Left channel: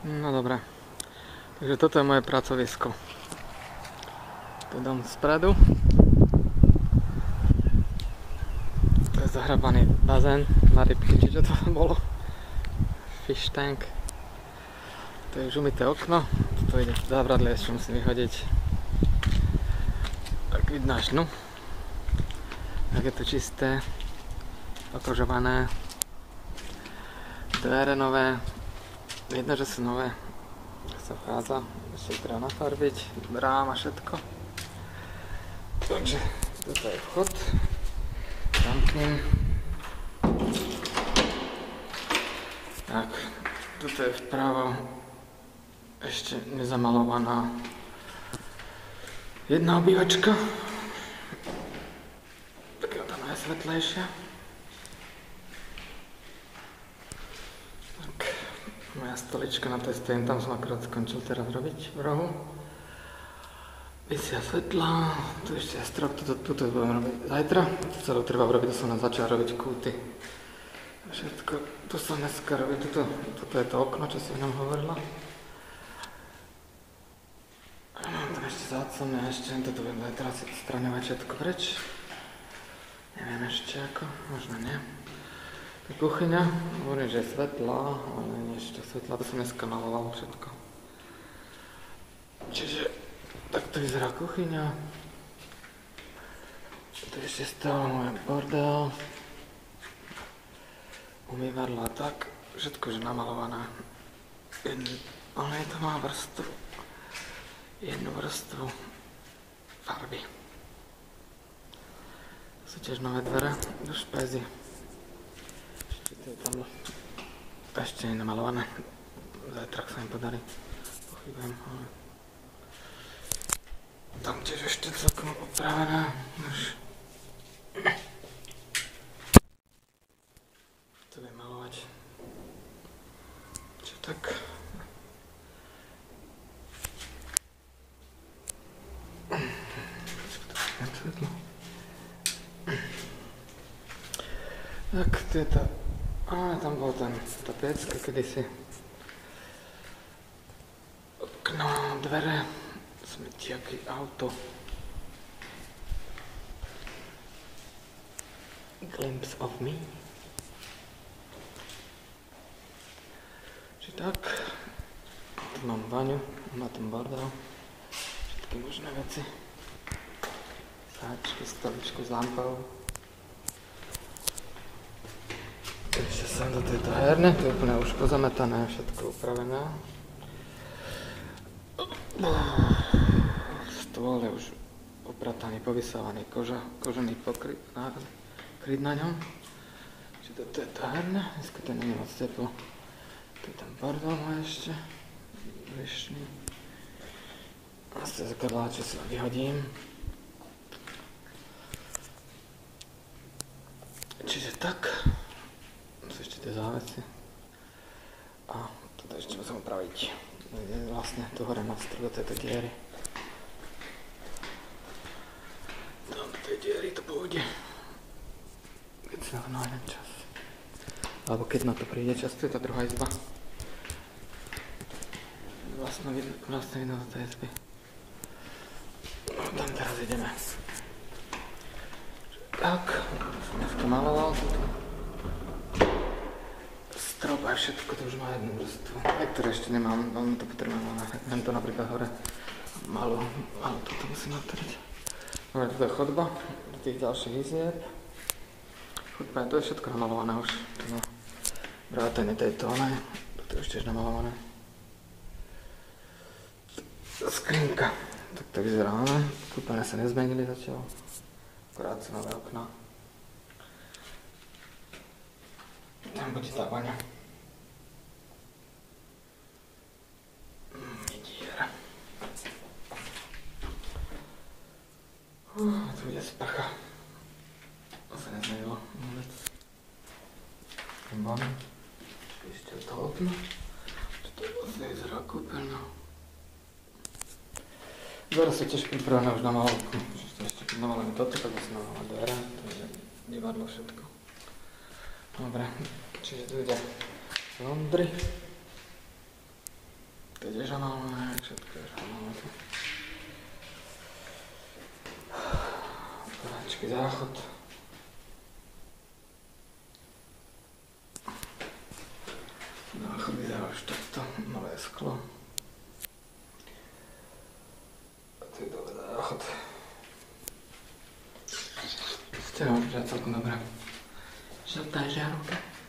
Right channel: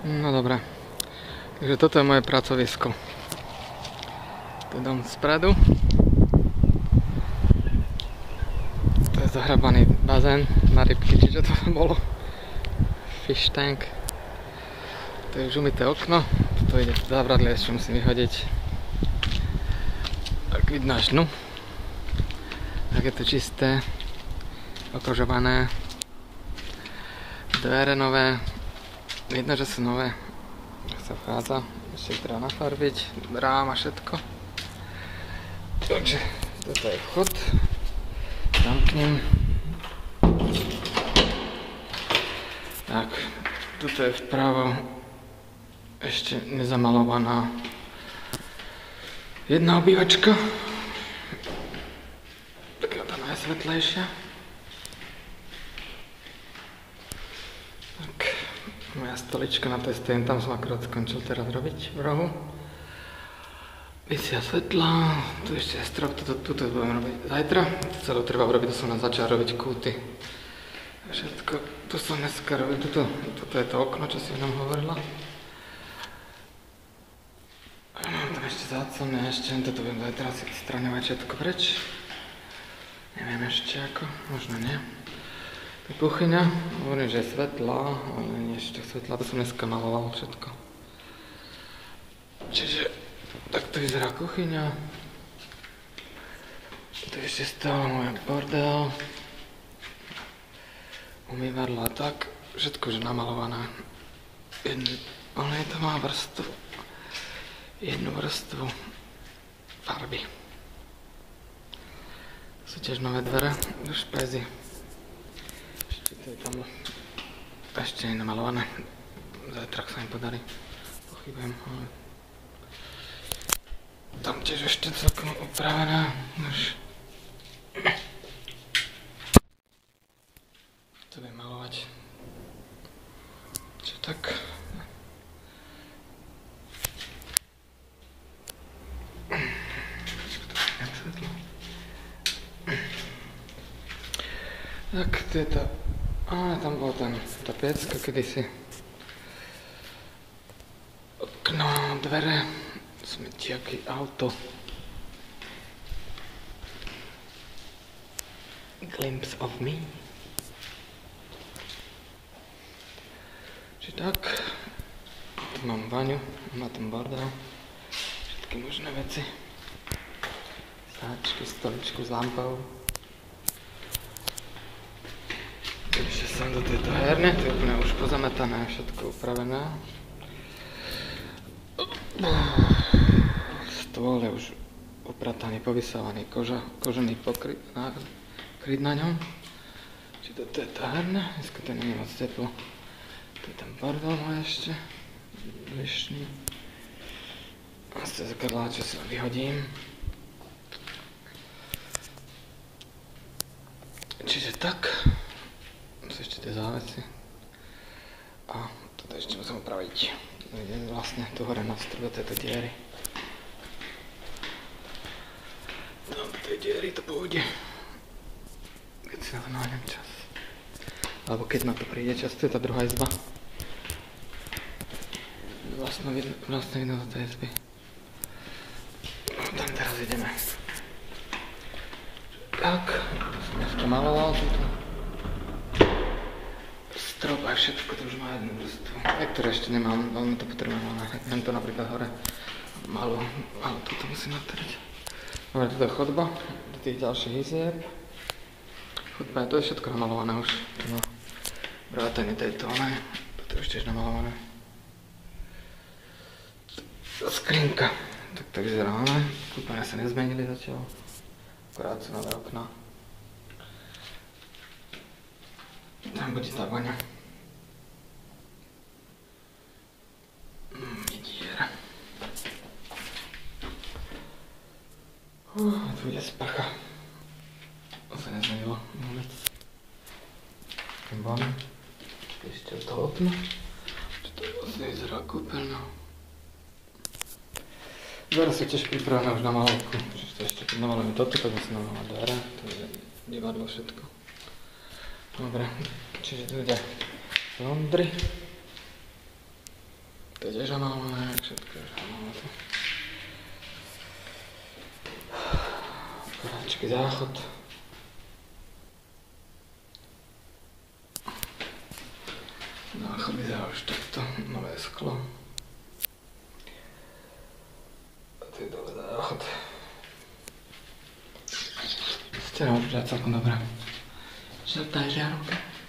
No dobré. Takže toto je moje pracovisko. To je dom spredu. To je zahrabaný bazén na rybky, čiže to bolo. Fish tank. To je už umyté okno. Toto ide závradlie, ešte musím vyhodiť. Tak vidno až dnu. Tak je to čisté. Okožované. Dvere nové. Vidno, že sú nové. Tak sa vchádza. Ešte ich treba nafarbiť. Brám a všetko. Takže toto je vchod. Zamknem. Tak, toto je vpravo ešte nezamalovaná jedna obývačka. Taká tá najsvetlejšia. Tak, moja stolička, na tej stojím, tam som akorát skončil teraz robiť v rohu. Vysia svetla, tu ešte je strop, tuto budem robiť zajtra. To celé treba urobiť, to som nám začal robiť kúty. Všetko, tu som dneska robil, toto je to okno, čo si nám hovorila. Mám tam ešte záclony a ešte toto budem zajtra si odstraňovať všetko preč. Neviem ešte ako, možno nie. To je kuchyňa, hovorím, že je svetlá, ale nie ešte svetlá, to som dneska maloval všetko. Čiže takto vyzerá kuchyňa. Tu ešte stále môj bordel. Umývadlo a tak, všetko už namalované. Ale to má vrstvu. Jednu vrstvu farby. Sú tiež nové dvere do špézy. Ešte to je tam ešte nie namalované. Zajtra sa im podarí. Pochybujem, ale tam tiež ešte celkom upravené. Už to budem malovať. Čo tak? Tak, to je to. Tam bol tá piecka kedysi. Okno, dvere, smetiaky, auto. Glimpse of me. Čiže tak. Tu mám baňu, má tam bordel. Všetky možné veci. Sáčky, stoličku s lampou. Ešte som do tejto herne, to je úplne už pozametané, všetko upravené. Stôl je už uprataný, povysávaný, kožený kryt na ňom. Čiže toto je tá herna, dneska to nie je moc teplo. Tu je ten bordel môj ešte, dnešný. A z zrkadlá, čo si vyhodím. Čiže tak. Sú ešte tie závesy. A toto ešte musím upraviť. Idem vlastne tu hore na strop do tejto diery. Tam do tej diery to pôjde. Keď si na to nájdem čas. Alebo keď na to príde čas, to je tá druhá izba. Vlastne vidno do tej izby. Tam teraz ideme. Tak, som dneska maloval túto. Strop aj všetko, to už má jednu vrstvu. Niektoré ešte nemám, veľmi to potrebujem, ale neviem to napríklad hore. Malú, ale toto musím natrieť. Dobre, toto je chodba do tých ďalších izieb. Chodba, to je všetko namalované už. No, vrátane tejto, ale toto je ešte tiež namalované. Skrinka. Tak to vyzerá, ale kúpené sa nezmenili zatiaľ. Akorát sú nové okná. Tam bude tá baňa. Diera. Tu bude sprcha. To sa nezmenilo vôbec. Ten ban. Ešte od toho okna. Čo to vlastne vyzerá kúpeľná. Dvere sú tiež pripravené už na malovku. Čiže to ešte namalujeme toto, tak musím namalovať dvere. To je divadlo všetko. Dobre, čiže tu ide laundry. To je tiež análne, všetko je análne. Poráčky, záchod. Záchod vyzerá už takto, nové sklo. A to je dobrý záchod. Stieľa už celkom dobrá. Žltá žiarovka.